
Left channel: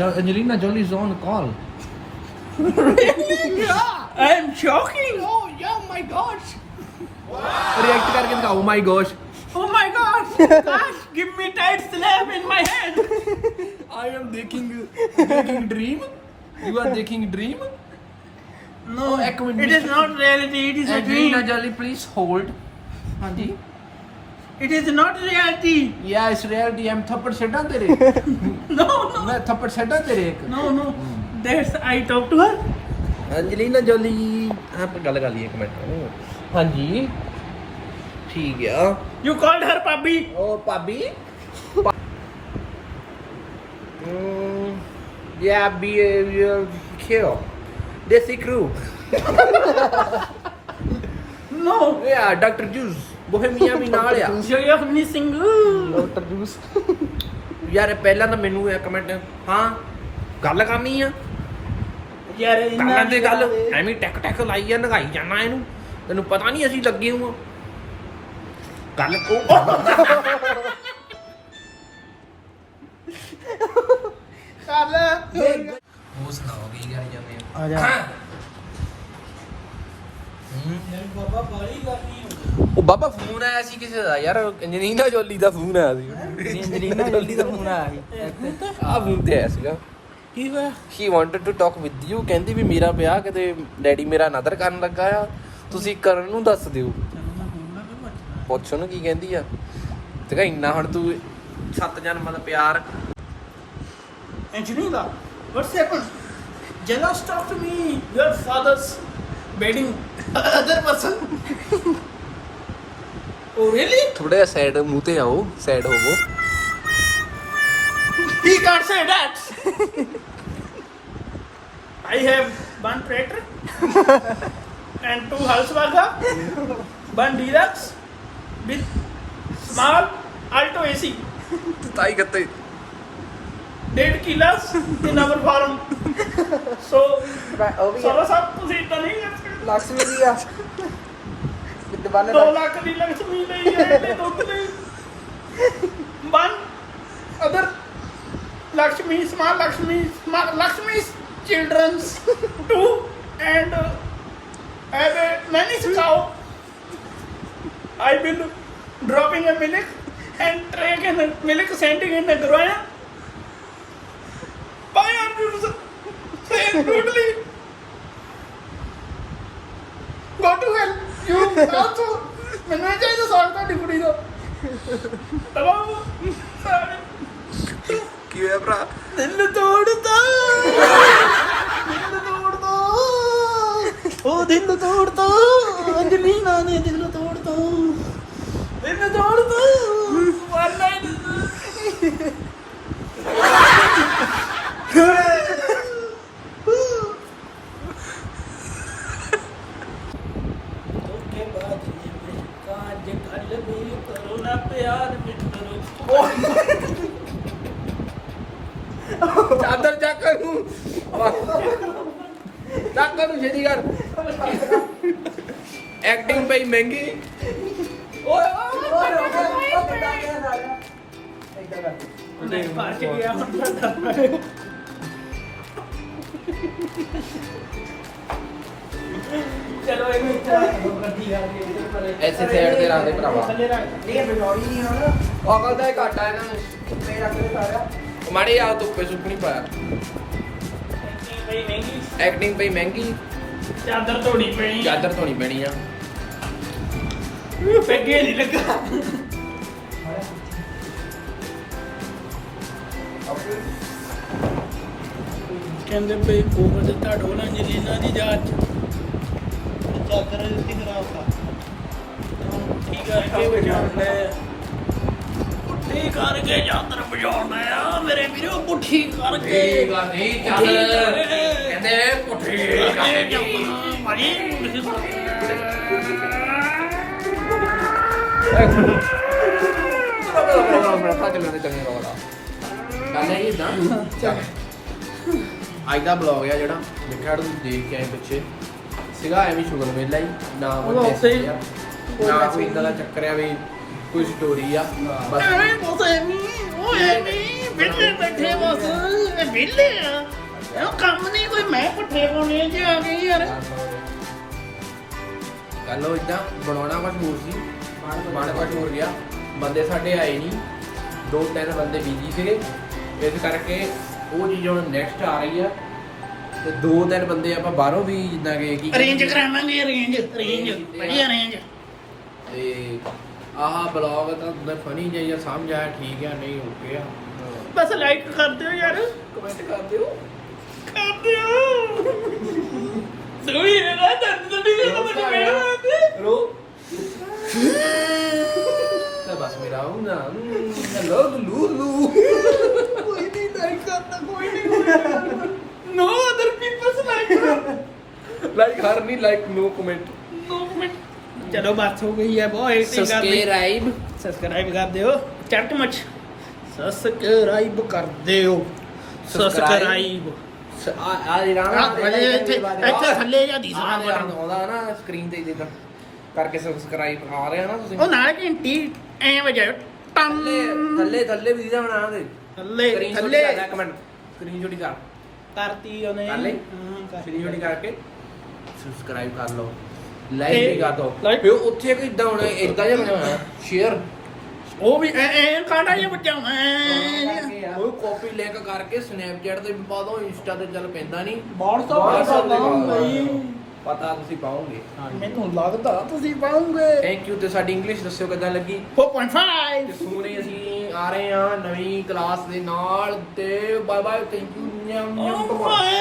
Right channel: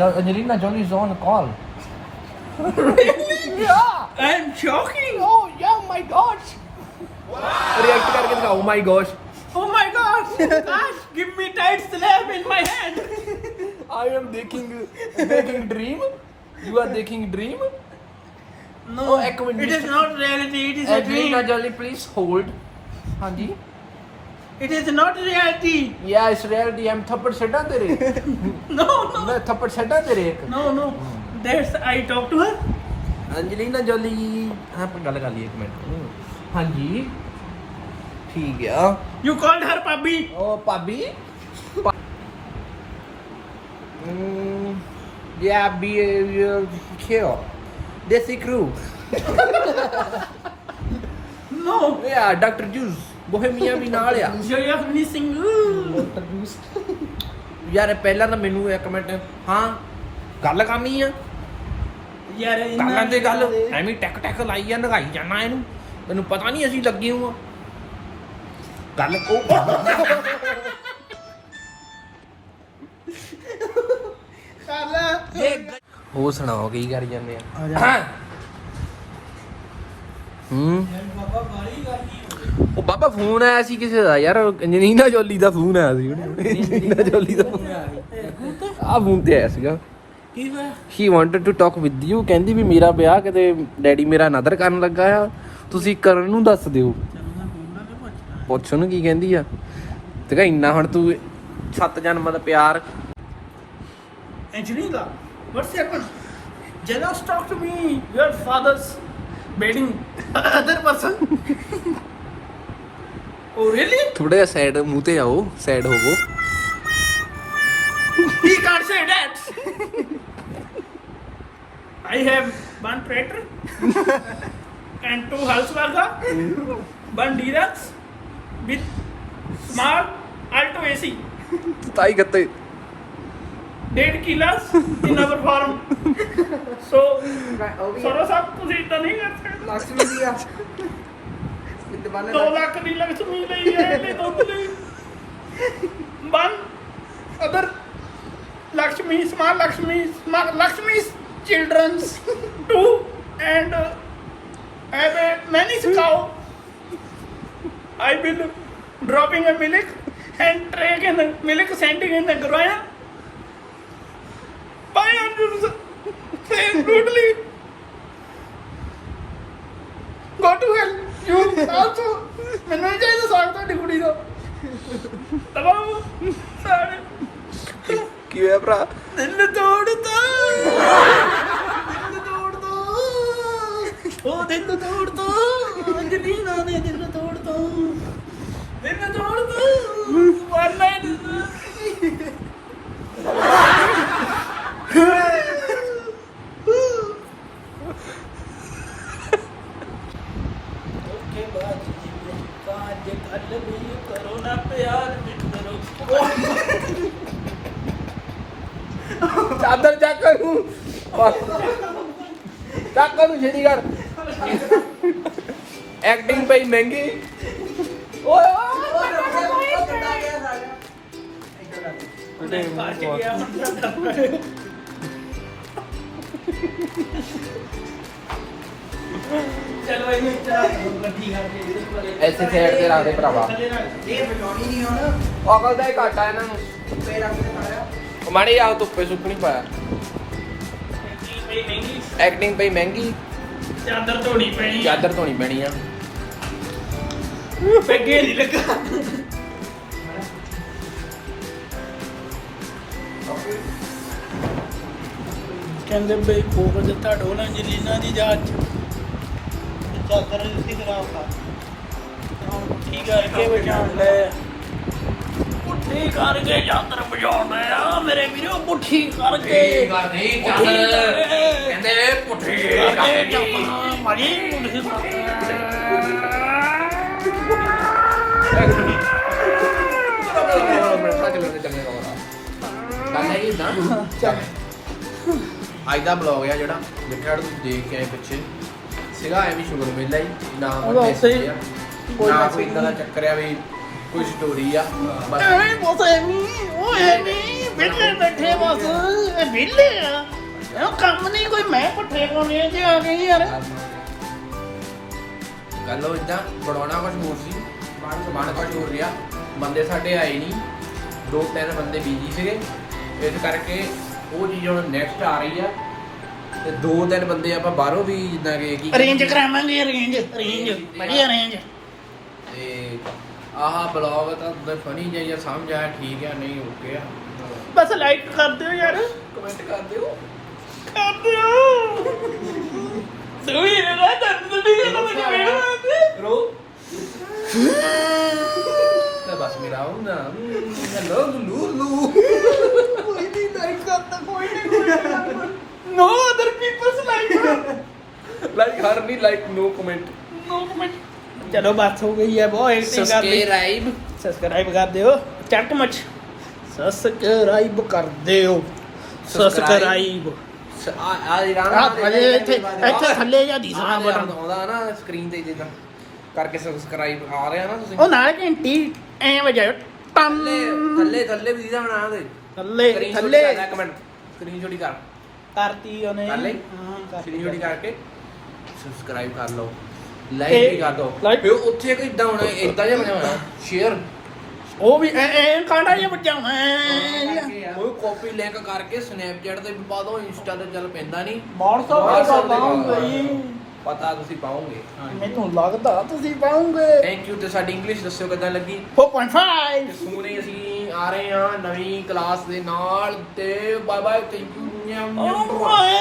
Angelina Jolie is on call yeah I'm shocking oh yeah my gosh react करके दिखाओ my gosh oh my gosh gosh give me tight slap in my hand I am taking dream you are taking dream no Oh, ek minute, it is not reality it is a Angelina dream Jolie please hold ਹਾਂਜੀ it is not reality yeah it's reality I'm ਥੱਪੜ ਛੱਡਾਂ ਤੇਰੇ no no ਮੈਂ ਥੱਪੜ ਛੱਡਾਂ ਤੇਰੇ ਇੱਕ no no that's I talk to her Angelina Jolie ਆਪਾਂ ਗੱਲ ਕਰ ਲਈਏ ਇੱਕ ਮਿੰਟ ਹਾਂਜੀ ਠੀਕ ਆ you called her Pabbi ਉਹ ਭਾਬੀ yeah be kill Desi crew no yeah Dr. Juice Bohemia ਵੀ ਨਾਲ ਆ you're missing ਡਾਕਟਰ ਜੂਸ ਯਾਰ ਪਹਿਲਾਂ ਤਾਂ ਮੈਨੂੰ ਇੱਕ ਮਿੰਟ ਹਾਂ ਗੱਲ ਕਰਨੀ ਆ ਯਾਰ ਕਰ ਲੈਂਦੇ ਗੱਲ ਐਵੇਂ ਟੈਕ ਟੈਕ ਲਾਈ ਜਾਂ ਨਗਾਈ ਜਾਣਾ ਇਹਨੂੰ ਤੈਨੂੰ ਪਤਾ ਨਹੀਂ ਅਸੀਂ ਲੱਗੇ ਹਾਂ ਗੱਲ ਉਹ ਸੁਣਾਓ ਕੀ ਕਰੀ ਜਾਂਦੇ ਆ ਆ ਜਾ ਬਾਬਾ ਬਾਲੀ ਗਾਲੀ ਉਹ ਬਾਬਾ ਫੋਨ ਆਇਆ ਸੀ ਕਿਸੇ ਦਾ ਯਾਰ ਐਂਜਲੀਨਾ ਜੋਲੀ ਦਾ ਫੋਨ ਆਇਆ ਸੀ ਐਂਜਲੀਨਾ ਜੋਲੀ ਦਾ ਫੋਨ ਆਇਆ ਸੀ ਆ ਫੋਨ ਤੇ ਆਇਆ ਸੀਗਾ ਕੀ ਹੋਇਆ she wanted to talk with you ਕਹਿੰਦੀ ਵੀ ਮੇਰਾ ਵਿਆਹ ਕਿਤੇ ਡੈਡੀ ਮੇਰਾ ਨਦਰ ਕਰਨ ਲੱਗਾ ਆ ਤੁਸੀਂ ਕਰਨ ਨੂੰ ਦੱਸ ਦਿਓ ਚਲ ਮੈਂ ਬੋਲਣਾ ਕਿ ਪੁੱਛਣਾ ਪੁੱਛ ਉਹਨੂੰ ਕੀ ਕਹਿੰਦੀ ਆ ਤੇ ਕਹ ਇੰਨਾ ਹੁਣ ਤੂੰ 7 ਜਨਮ ਦਾ ਪਿਆਰ Angelina, what's happened? Jealous talk to me. Your father's bedding other person. Oh really? ਥੋੜਾ ਜਿਹਾ ਸਾਈਡ ਮੂੰਹ ਤੇ ਆਓ ਸਾਈਡ ਹੋਵੋ He can't say that. I have one tractor and 2 Volkswagen, 1 Deluxe with small Alto AC. ਤਾਈ ਗੱਤੇ 1.5 kilos in our farm. So, ਸਾਰਾ ਸਭ ਤੁਸੀਂ ਇਦਾਂ ਨਹੀਂ ਕਰ ਸਕਦੇ ਲక్ష్ਮੀ ਦੀ ਆ ਕਿਤੇ ਬੰਨ 2 ਲੱਖ ਦੀ ਲక్ష్ਮੀ ਲਈ ਹੈ ਤੇ ਦੁੱਧ ਲਈ 1 other Lakshmi, small Lakshmi's children's 2 and have a many cow. I will dropping a milk and take in milk sending in the ground. Buy a you saying rudely? Go to hell. You also. ਮੈਨੂੰ ਨਹੀਂ ਚਾਹੀਦਾ ਸਾਗ ਤੁਹਾਡੀ ਕੁੜੀ ਦਾ ਤਬਾਹ ਸਾਰੇ ਕੀ ਹੋਇਆ ਭਰਾ? ਦਿਲ ਤੋੜਦਾ ਉਹ ਦਿਲ ਤੋੜਦਾ ਅੰਜਲੀਨਾ ਨੇ ਦਿਲ ਤੋੜਦਾ one night ਓਕੇ ਬਾਦ ਜੀ ਮੈਂ ਕਾਜ ਕੱਲ ਵੀ ਕਰੋ ਨਾ ਪਿਆਰ ਮਿੱਤਰੋ ਚਾਦਰ ਚੱਕ ਨੂੰ ਚੱਕ ਨੂੰ ਛੇਤੀ ਕਰ ਐਕਟਿੰਗ ਪਈ ਮਹਿੰਗੀ ਓਏ ਨਹੀਂ ਮਾਰ ਕੇ ਗਿਆ ਚਲੋ ਇਹਨੂੰ ਗੱਡੀ ਆ ਕੇ ਇੱਥੇ ਸਾਈਡ ਤੇ ਰੱਖ ਦੇ ਭਰਾਵਾ ਇਹ ਬਣਾਉਣੀ ਨਹੀਂ ਹੁਣ ਅਕਲ ਦਾ ਹੀ ਘਾਟਾ ਇਹਨਾਂ ਨੂੰ ਪੇ ਰੱਖ ਦੇ ਸਾਰਾ ਮਾੜੀ ਆ ਧੁੱਪੇ ਸੁੱਕ ਨਹੀਂ ਪਾਇਆ ਮਹਿੰਗੀ ਐਕਟਿੰਗ ਪਈ ਮਹਿੰਗੀ ਚਾਦਰ ਧੋਣੀ ਪੈਣੀ ਚਾਦਰ ਧੋਣੀ ਪੈਣੀ ਆ ਪੈਗੇ ਨਹੀਂ ਲੱਗਾ ਕਹਿੰਦੇ ਬਈ ਕੋਵਰ ਦੇ ਤੁਹਾਡੋ ਨਾ ਜਲੀਨਾ ਦੀ ਜਾਂਚ ਚਾਦਰ ਦਿੱਤੀ ਖਰਾਬ ਕਰ ਠੀਕ ਕਰਕੇ ਵਜਾਉਣ ਲੈ ਪੁੱਠੀ ਕਰਕੇ ਚਾਦਰ ਵਜਾਉਣ ਆ ਮੇਰੇ ਵੀਰੋ ਪੁੱਠੀ ਕਰਕੇ ਕਹਿੰਦੇ ਪੁੱਠੀ ਕਰਕੇ ਚਾਦਰ ਮਾਰੀ ਪੁੱਠੀ ਅੱਜ ਦਾ ਬਲੌਗ ਆ ਜਿਹੜਾ ਦੇਖਿਆ ਤੁਸੀਂ ਦੇਖ ਕੇ ਆਏ ਪਿੱਛੇ ਸੀਗਾ ਐਵੇਂ ਸ਼ੁਗਰ ਮੇਲਾ ਹੀ ਨਾ ਉਹ ਉੱਥੇ ਹੀ ਨਾ ਕੋਈ ਇਦਾਂ ਦਾ ਚੱਕਰ ਆ ਵੀ ਕੋਈ ਸਟੋਰੀ ਆ ਬਸ ਐਵੇਂ ਬਸ ਐਵੇਂ ਉਹ ਐਵੇਂ ਵਿਹਲੇ ਬੈਠੇ ਬਸ ਇਹ ਵਿਹਲੇ ਆ ਇਹ ਕੰਮ ਨਹੀਂ ਕੋਈ ਮੈਂ ਪੁੱਠੇ ਪਾਉਣੇ ਜੇ ਆ ਗਏ ਯਾਰ ਗੱਲ ਉਹ ਇਦਾਂ ਬਣਾਉਣਾ ਕੁਝ ਹੋਰ ਸੀ ਬਣ ਕੁਝ ਹੋਰ ਗਿਆ ਬੰਦੇ ਸਾਡੇ ਆਏ ਨਹੀਂ 2-3 ਬੰਦੇ ਬਿਜੀ ਸੀਗੇ ਇਸ ਕਰਕੇ ਉਹ ਚੀਜ਼ ਹੁਣ ਨੈਕਸਟ ਆ ਰਹੀ ਆ ਤੇ 2-3 ਬੰਦੇ ਆਪਾਂ ਬਾਹਰੋਂ ਵੀ ਜਿੱਦਾਂ ਕਿ ਕੀ ਅਰੇਂਜ ਕਰਾਵਾਂਗੇ ਅਰੇਂਜ ਵਧੀਆ ਅਰੇਂਜ ਤੇ ਆਹ ਬਲੌਗ ਤਾਂ ਮੈਂ ਫਨੀ ਜਿਹਾ ਸਮਝ ਆਇਆ ਠੀਕ ਆ ਨਹੀਂ ਓਕੇ ਆ ਬਸ ਲਾਈਕ ਕਰ ਦਿਓ ਯਾਰ ਕਮੈਂਟ ਕਰ ਦਿਓ ਕਰ ਦਿਓ ਤੂੰ ਹੀ ਨਾ ਦੰਦ ਦੀ ਗੱਲ ਮੈਨੂੰ ਮੇਰੇ ਰੋ ਤਾਂ ਬਸ ਮੇਰਾ ਉਹ ਨਾ ਹੈਲੋ ਲੂਲੂ ਕੋਈ ਨਹੀਂ ਲਾਈਕ ਕਰਦਾ ਕੋਈ ਨਹੀਂ no other peoples like her ਨਹੀਂ like no comment no comment ਚਲੋ ਬਾਤ ਹੋ ਗਈ ਹੈ ਬਹੁਤ ਐਕਟਿੰਗ ਕਰ ਲਈ ਸਬਸਕ੍ਰਾਈਬ ਕਰ ਦਿਓ ਚੱਕ ਮਚ ਸਬਸਕ੍ਰਾਈਬ ਕਰ ਦਿਓ ਸਬਸਕ੍ਰਾਈਬ ਆ ਜਿਹੜਾ ਅਜੇ ਇੱਥੇ ਥੱਲੇ ਜਾਂ ਦਿਸਣਾ ਬਟਨ ਆਉਂਦਾ ਨਾ ਸਕਰੀਨ ਤੇ ਜਿੱਦਾਂ ਕਰਕੇ ਸਬਸਕ੍ਰਾਈਬ ਆ ਰਿਹਾ ਨਾ ਤੁਸੀਂ ਉਹ ਨਾਲ ਘੰਟੀ ਐ ਵਜਾਇਓ ਟੰ ਥੱਲੇ ਵੀ ਦੀਦਾ ਬਣਾ ਦੇ ਥੱਲੇ ਕਮੈਂਟ ਸਕਰੀਨ ਛੋਟੀ ਕਰ ਕਰਤੀ ਉਹਨੇ ਕਰ ਲਈ? ਹਾਂ ਸਕਰੀਨ ਛੋਟੀ ਕਰਕੇ ਸਬਸਕ੍ਰਾਈਬ ਕਰ ਲਓ ਲਾਈਕ ਵੀ ਕਰ ਦਿਓ like- ਫਿਰ ਉੱਥੇ ਕੋਈ ਇਦਾਂ ਹੋਣਾ ਇਦਾਂ ਜਿਹਾ ਬਣਿਆ ਹੋਇਆ ਸ਼ੇਅਰ ਉਹ ਵੀ ਐ ਕਾਂਡਾ ਜਿਹਾ ਬੱਚਾ ਮੈਂ ਕੋਈ ਕਾਪੀ ਲਿੰਕ ਕਰਕੇ ਸਨੈਪਚੈਟ ਤੇ ਵੀ ਪਾ ਦੋ ਇੰਸਟਾ ਤੇ ਚੱਲ ਪੈਂਦਾ ਨਹੀਂ ਪਤਾ ਤੁਸੀਂ ਪਾਓਗੇ ਮੈਨੂੰ ਲੱਗਦਾ ਤੁਸੀਂ ਪਾਉਂਗੇ ਥੈਂਕ ਯੂ ਤੇ ਸਾਡੀ ਇੰਗਲਿਸ਼ ਦੱਸਿਓ ਕਿੱਦਾਂ ਲੱਗੀ 4.5 ਸੋਨੇ ਅਸੀਂ ਆ ਰਹੇ ਹਾਂ ਨਵੀਂ ਕਲਾਸ ਦੇ ਨਾਲ ਤੇ ਬਾਏ ਬਾਏ ਥੈਂਕ ਯੂ ਓਏ